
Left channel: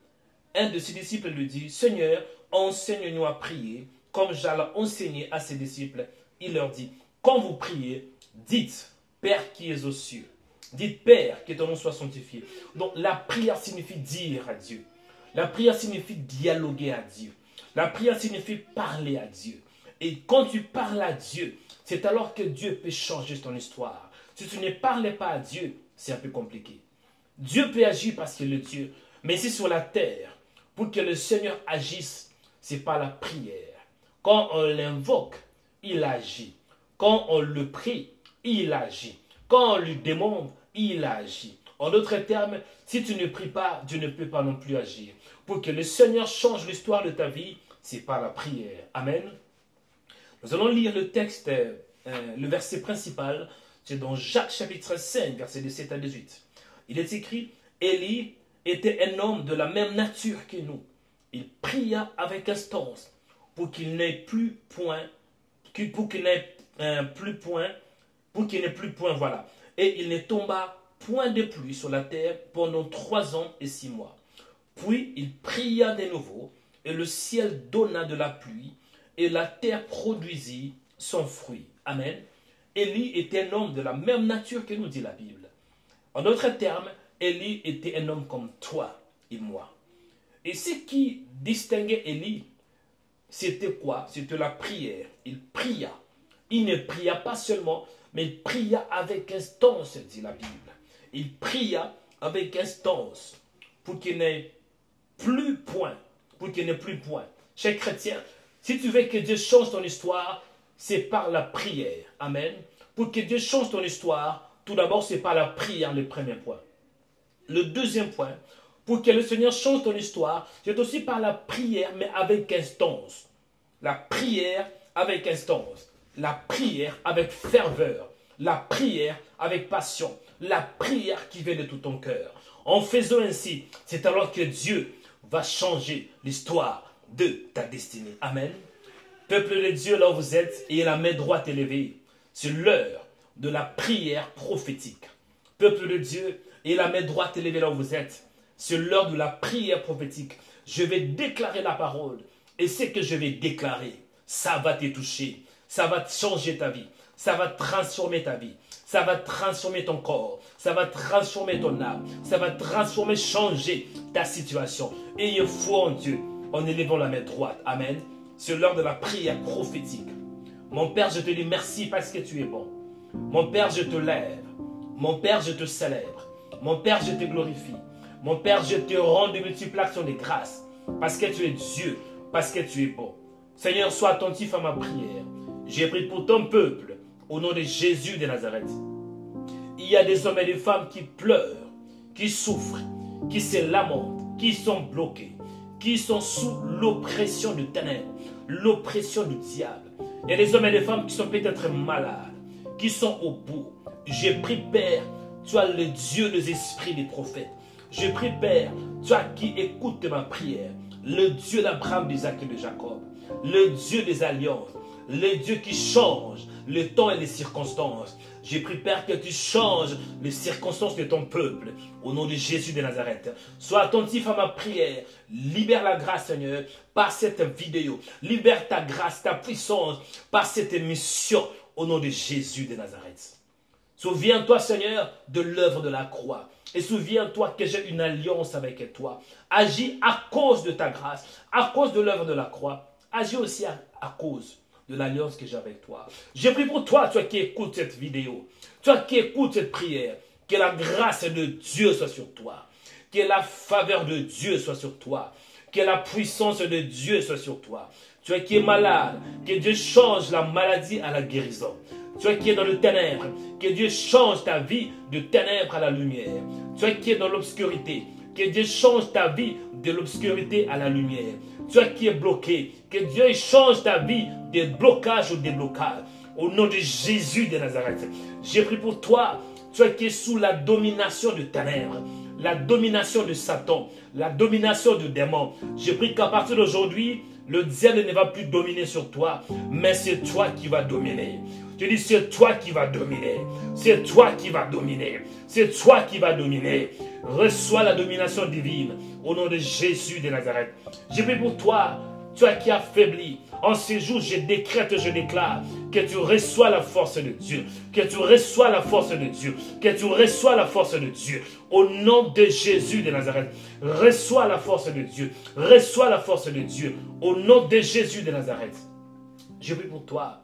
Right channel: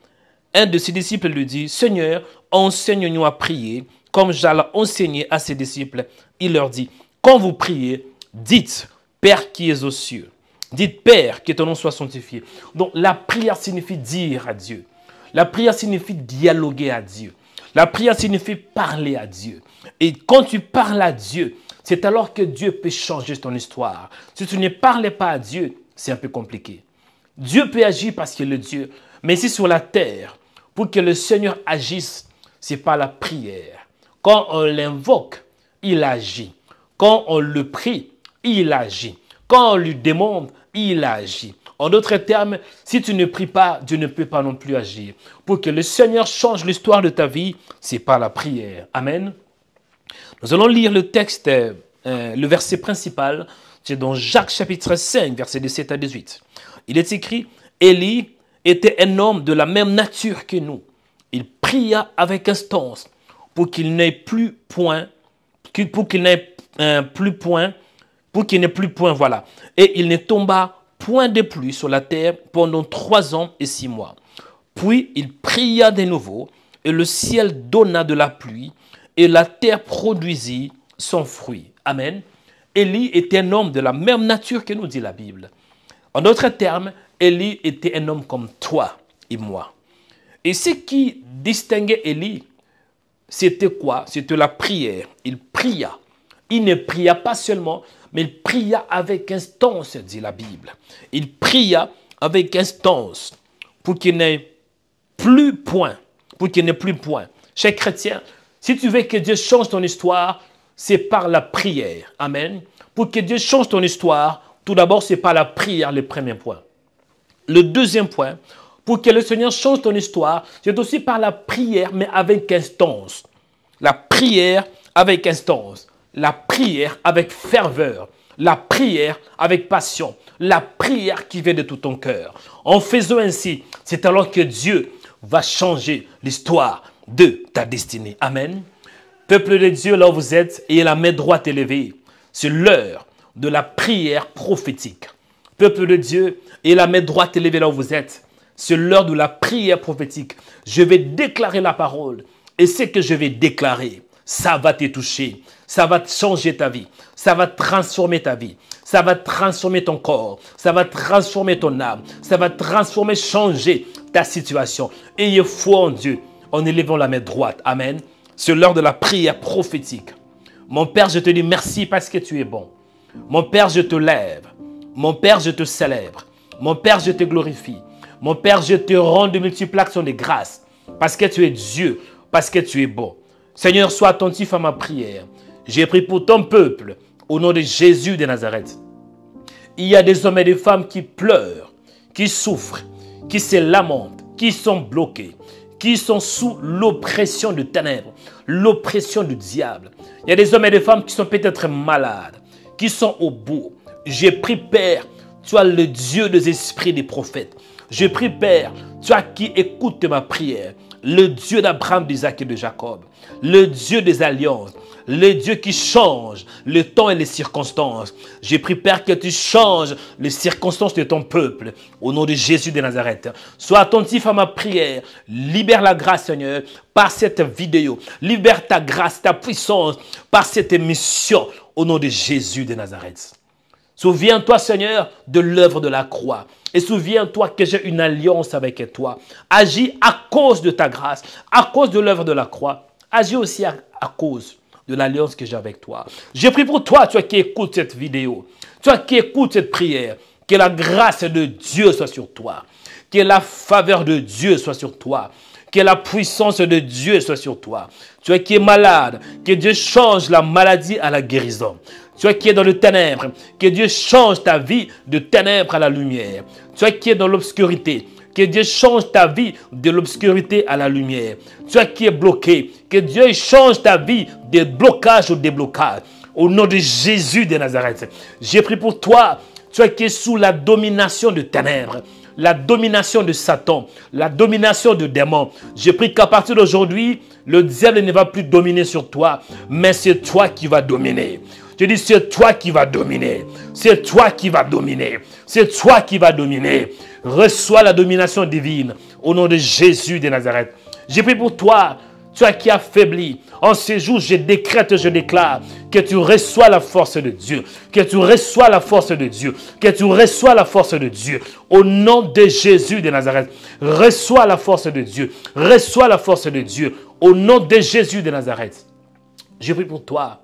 un de ses disciples lui dit, « Seigneur, enseigne-nous à prier, comme j'allais enseigner à ses disciples. » Il leur dit, « Quand vous priez, dites, Père qui es aux cieux. » Dites, Père, que ton nom soit sanctifié. Donc, la prière signifie dire à Dieu. La prière signifie dialoguer à Dieu. La prière signifie parler à Dieu. Et quand tu parles à Dieu, c'est alors que Dieu peut changer ton histoire. Si tu ne parles pas à Dieu, c'est un peu compliqué. Dieu peut agir parce qu'il est Dieu. Mais ici sur la terre, pour que le Seigneur agisse, c'est par la prière. Quand on l'invoque, il agit. Quand on le prie, il agit. Quand on lui demande, il agit. En d'autres termes, si tu ne pries pas, Dieu ne peut pas non plus agir. Pour que le Seigneur change l'histoire de ta vie, c'est par la prière. Amen. Nous allons lire le texte, le verset principal, c'est dans Jacques chapitre 5, verset 17 à 18. Il est écrit, Élie était un homme de la même nature que nous. Il pria avec instance pour qu'il n'ait plus point, voilà. Et il ne tomba point de pluie sur la terre pendant 3 ans et 6 mois. Puis il pria de nouveau, et le ciel donna de la pluie, et la terre produisit son fruit. Amen. Élie était un homme de la même nature que nous dit la Bible. En d'autres termes, Élie était un homme comme toi et moi. Et ce qui distinguait Élie, c'était quoi? C'était la prière. Il pria. Il ne pria pas seulement, mais il pria avec instance, dit la Bible. Il pria avec instance pour qu'il n'ait plus point. Pour qu'il n'ait plus point. Chers chrétiens, si tu veux que Dieu change ton histoire, c'est par la prière. Amen. Pour que Dieu change ton histoire, tout d'abord, c'est par la prière le premier point. Le deuxième point, pour que le Seigneur change ton histoire, c'est aussi par la prière, mais avec instance. La prière avec instance. La prière avec ferveur. La prière avec passion. La prière qui vient de tout ton cœur. En faisant ainsi, c'est alors que Dieu va changer l'histoire de ta destinée. Amen. Peuple de Dieu, là où vous êtes, ayez la main droite élevée. C'est l'heure de la prière prophétique. Peuple de Dieu, ayez la main droite élevée là où vous êtes. C'est l'heure de la prière prophétique. Je vais déclarer la parole. Et ce que je vais déclarer, ça va te toucher. Ça va changer ta vie. Ça va transformer ta vie. Ça va transformer ton corps. Ça va transformer ton âme. Ça va transformer, changer ta situation. Ayez foi en Dieu en élevant la main droite. Amen. C'est l'heure de la prière prophétique. Mon Père, je te dis merci parce que tu es bon. Mon Père, je te lève. Mon Père, je te célèbre. Mon Père, je te glorifie. Mon Père, je te rends de multiples actions de grâce. Parce que tu es Dieu. Parce que tu es bon. Seigneur, sois attentif à ma prière. J'ai prié pour ton peuple. Au nom de Jésus de Nazareth. Il y a des hommes et des femmes qui pleurent. Qui souffrent. Qui se lamentent. Qui sont bloqués. Qui sont sous l'oppression du ténèbres. L'oppression du diable. Il y a des hommes et des femmes qui sont peut-être malades. Qui sont au bout. J'ai prié, Père. Tu as le Dieu des esprits des prophètes. Je prie, Père, tu as qui écoute ma prière. Le Dieu d'Abraham, d'Isaac et de Jacob. Le Dieu des alliances. Le Dieu qui change le temps et les circonstances. J'ai pris, Père, que tu changes les circonstances de ton peuple. Au nom de Jésus de Nazareth. Sois attentif à ma prière. Libère la grâce, Seigneur, par cette vidéo. Libère ta grâce, ta puissance, par cette émission. Au nom de Jésus de Nazareth. Souviens-toi, Seigneur, de l'œuvre de la croix. Et souviens-toi que j'ai une alliance avec toi. Agis à cause de ta grâce, à cause de l'œuvre de la croix. Agis aussi à cause de l'alliance que j'ai avec toi. Je prie pour toi, toi qui écoutes cette vidéo, toi qui écoutes cette prière, que la grâce de Dieu soit sur toi, que la faveur de Dieu soit sur toi, que la puissance de Dieu soit sur toi. Toi qui es malade, que Dieu change la maladie à la guérison. Toi qui es dans le ténèbre, que Dieu change ta vie de ténèbres à la lumière. Toi qui es dans l'obscurité, que Dieu change ta vie de l'obscurité à la lumière. Toi qui es bloqué, que Dieu change ta vie de blocage au déblocage. Au nom de Jésus de Nazareth, j'ai pris pour toi, toi qui es sous la domination de ténèbres, la domination de Satan, la domination de démons. J'ai pris qu'à partir d'aujourd'hui, le diable ne va plus dominer sur toi, mais c'est toi qui vas dominer. Je dis, c'est toi qui vas dominer. C'est toi qui vas dominer. C'est toi qui vas dominer. Reçois la domination divine au nom de Jésus de Nazareth. J'ai pris pour toi, toi qui as faibli. En ces jours, je décrète, je déclare que tu reçois la force de Dieu. Que tu reçois la force de Dieu. Que tu reçois la force de Dieu. Au nom de Jésus de Nazareth. Reçois la force de Dieu. Reçois la force de Dieu. Au nom de Jésus de Nazareth. J'ai pris pour toi.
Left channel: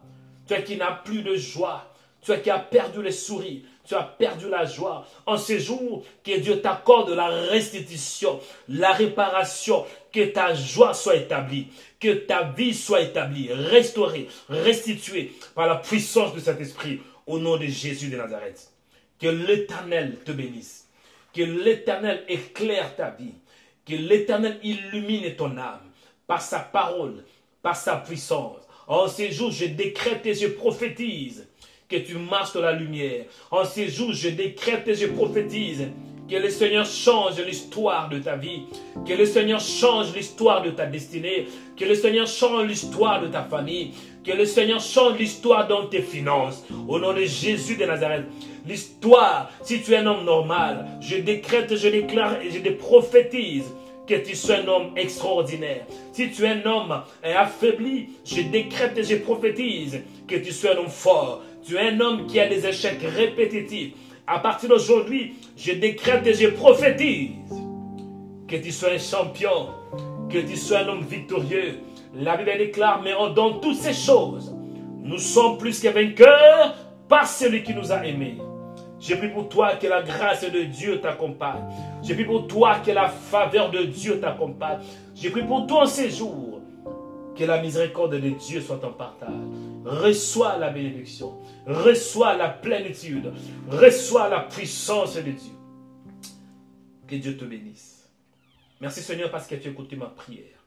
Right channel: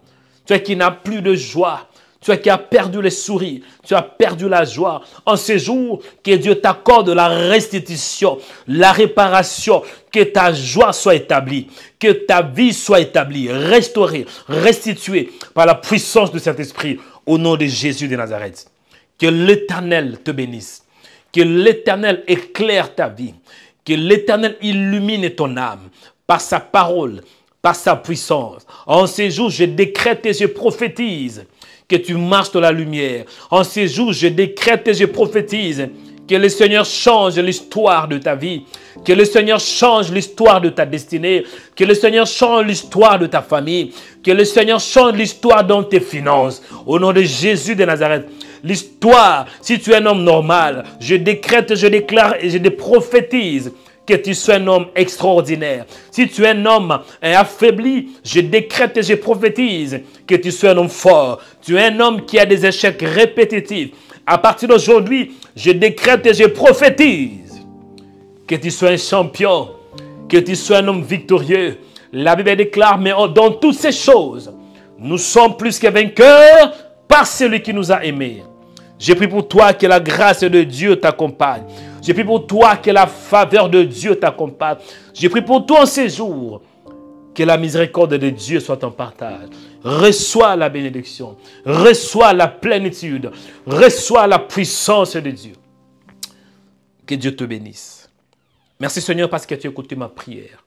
Toi qui n'as plus de joie, toi qui as perdu les sourires, tu as perdu la joie. En ces jours, que Dieu t'accorde la restitution, la réparation, que ta joie soit établie, que ta vie soit établie, restaurée, restituée par la puissance de cet esprit au nom de Jésus de Nazareth. Que l'Éternel te bénisse, que l'Éternel éclaire ta vie, que l'Éternel illumine ton âme par sa parole, par sa puissance. En ces jours, je décrète et je prophétise que tu marches dans la lumière. En ces jours, je décrète et je prophétise que le Seigneur change l'histoire de ta vie, que le Seigneur change l'histoire de ta destinée, que le Seigneur change l'histoire de ta famille, que le Seigneur change l'histoire dans tes finances. Au nom de Jésus de Nazareth, l'histoire, si tu es un homme normal, je décrète, je déclare et je prophétise que tu sois un homme extraordinaire. Si tu es un homme affaibli, je décrète et je prophétise que tu sois un homme fort. Tu es un homme qui a des échecs répétitifs. À partir d'aujourd'hui, je décrète et je prophétise que tu sois un champion, que tu sois un homme victorieux. La Bible déclare, mais dans toutes ces choses, nous sommes plus que vainqueurs par celui qui nous a aimés. Je prie pour toi que la grâce de Dieu t'accompagne. Je prie pour toi que la faveur de Dieu t'accompagne. Je prie pour toi en ces jours. Que la miséricorde de Dieu soit en partage. Reçois la bénédiction. Reçois la plénitude. Reçois la puissance de Dieu. Que Dieu te bénisse. Merci Seigneur parce que tu as écouté ma prière.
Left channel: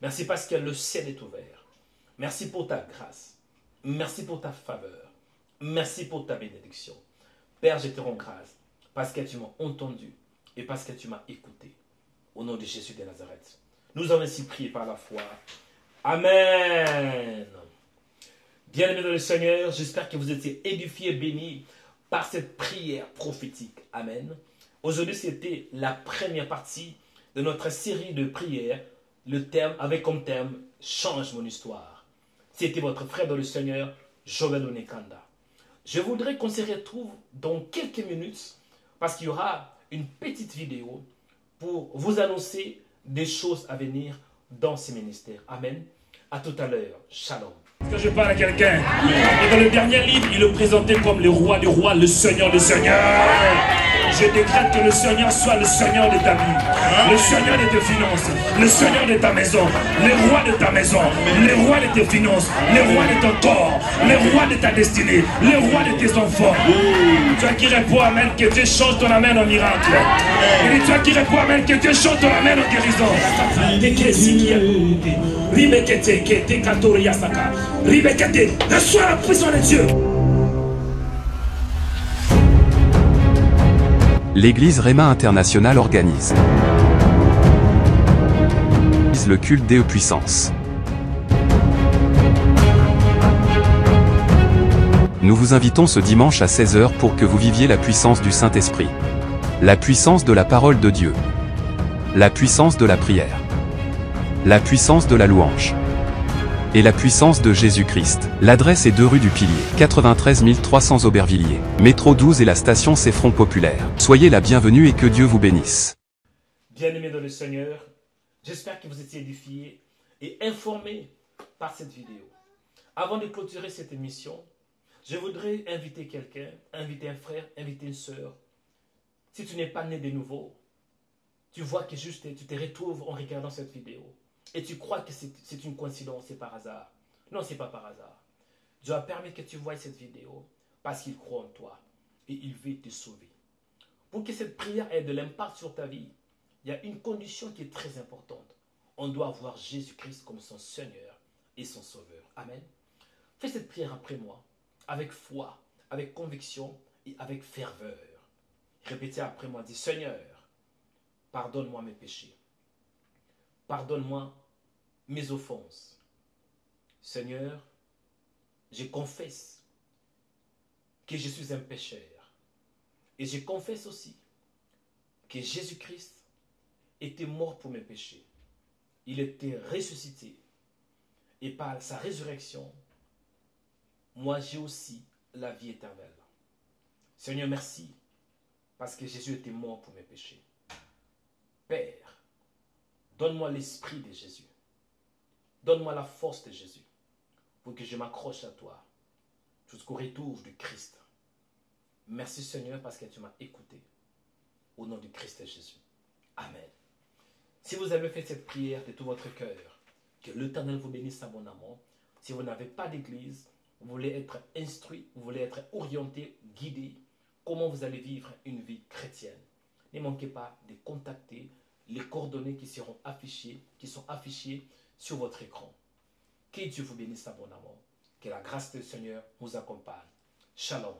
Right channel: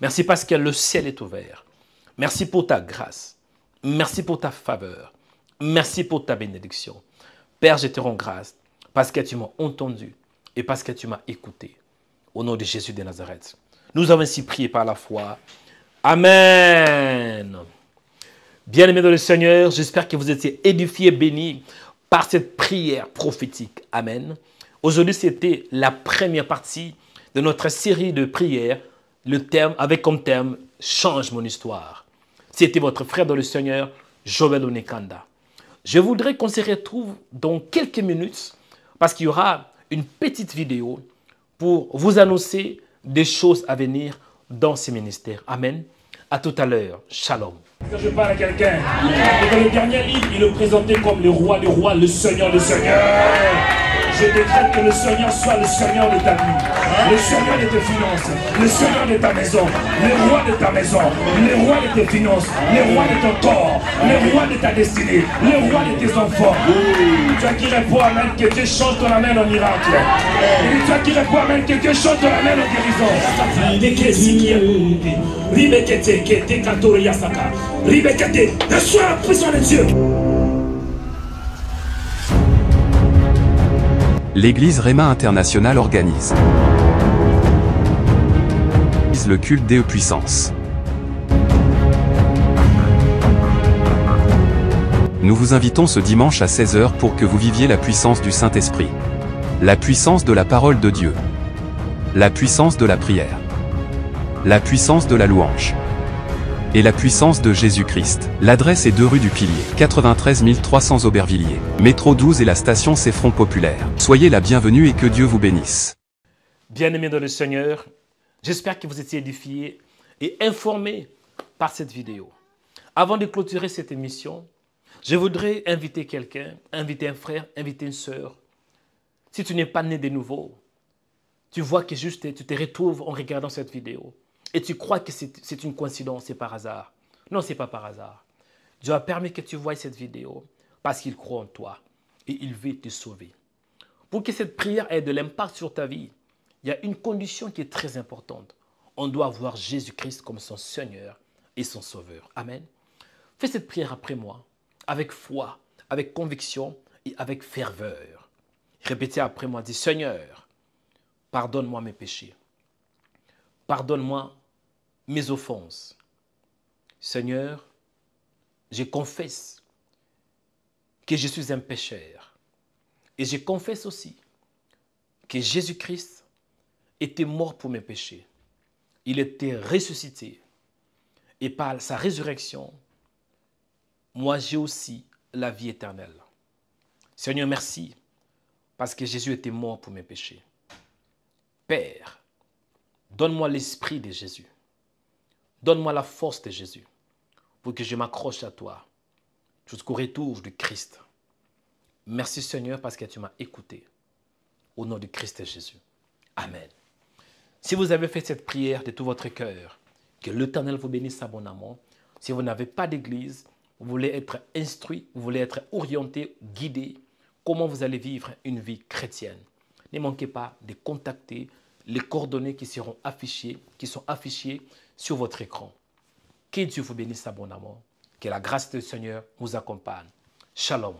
Merci parce que le ciel est ouvert. Merci pour ta grâce. Merci pour ta faveur. Merci pour ta bénédiction. Père, je te rends grâce parce que tu m'as entendu et parce que tu m'as écouté. Au nom de Jésus de Nazareth. Nous avons ainsi prié par la foi. Amen. Bien-aimés dans le Seigneur, j'espère que vous étiez édifiés, bénis par cette prière prophétique. Amen. Aujourd'hui, c'était la première partie de notre série de prières, avec comme thème « Change mon histoire ». C'était votre frère dans le Seigneur, Joël Onekanda. Je voudrais qu'on se retrouve dans quelques minutes parce qu'il y aura une petite vidéo pour vous annoncer des choses à venir dans ce ministère. Amen. À tout à l'heure. Shalom. Quand je parle à quelqu'un, et dans le dernier livre, il le présentait comme le roi des rois, le Seigneur des seigneurs. Je décrète que le Seigneur soit le Seigneur de ta vie, le Seigneur de tes finances, le Seigneur de ta maison, le roi de ta maison, le roi de tes finances, le roi de ton corps, le roi de ta destinée, le roi de tes enfants. Toi qui réponds Amen, que Dieu change ton Amen en miracle. Et toi qui réponds Amen, que Dieu change ton Amen en guérison. Reçois la puissance de Dieu. L'église Réma International organise le culte des puissances. Nous vous invitons ce dimanche à 16 h pour que vous viviez la puissance du Saint-Esprit. La puissance de la parole de Dieu. La puissance de la prière. La puissance de la louange. Et la puissance de Jésus-Christ. L'adresse est 2 rue du Pilier, 93 300 Aubervilliers. Métro 12 et la station C'est Front Populaire. Soyez la bienvenue et que Dieu vous bénisse. Bien-aimés dans le Seigneur, j'espère que vous étiez édifiés et informés par cette vidéo. Avant de clôturer cette émission, je voudrais inviter quelqu'un, inviter un frère, inviter une sœur. Si tu n'es pas né de nouveau, tu vois que juste tu te retrouves en regardant cette vidéo. Et tu crois que c'est une coïncidence, c'est par hasard. Non, ce n'est pas par hasard. Dieu a permis que tu voies cette vidéo parce qu'il croit en toi et il veut te sauver. Pour que cette prière ait de l'impact sur ta vie, il y a une condition qui est très importante. On doit voir Jésus-Christ comme son Seigneur et son Sauveur. Amen. Fais cette prière après moi, avec foi, avec conviction et avec ferveur. Répétez après moi, dis Seigneur, pardonne-moi mes péchés. Pardonne-moi mes offenses. Seigneur, je confesse que je suis un pécheur. Et je confesse aussi que Jésus-Christ était mort pour mes péchés. Il était ressuscité. Et par sa résurrection, moi j'ai aussi la vie éternelle. Seigneur, merci parce que Jésus était mort pour mes péchés. Père, donne-moi l'esprit de Jésus. Donne-moi la force de Jésus pour que je m'accroche à toi jusqu'au retour du Christ. Merci Seigneur parce que tu m'as écouté. Au nom du Christ Jésus. Amen. Si vous avez fait cette prière de tout votre cœur, que l'Éternel vous bénisse abondamment. Si vous n'avez pas d'église, vous voulez être instruit, vous voulez être orienté, guidé, comment vous allez vivre une vie chrétienne. Ne manquez pas de contacter les coordonnées qui sont affichées sur votre écran. Que Dieu vous bénisse abondamment. Que la grâce du Seigneur vous accompagne. Shalom.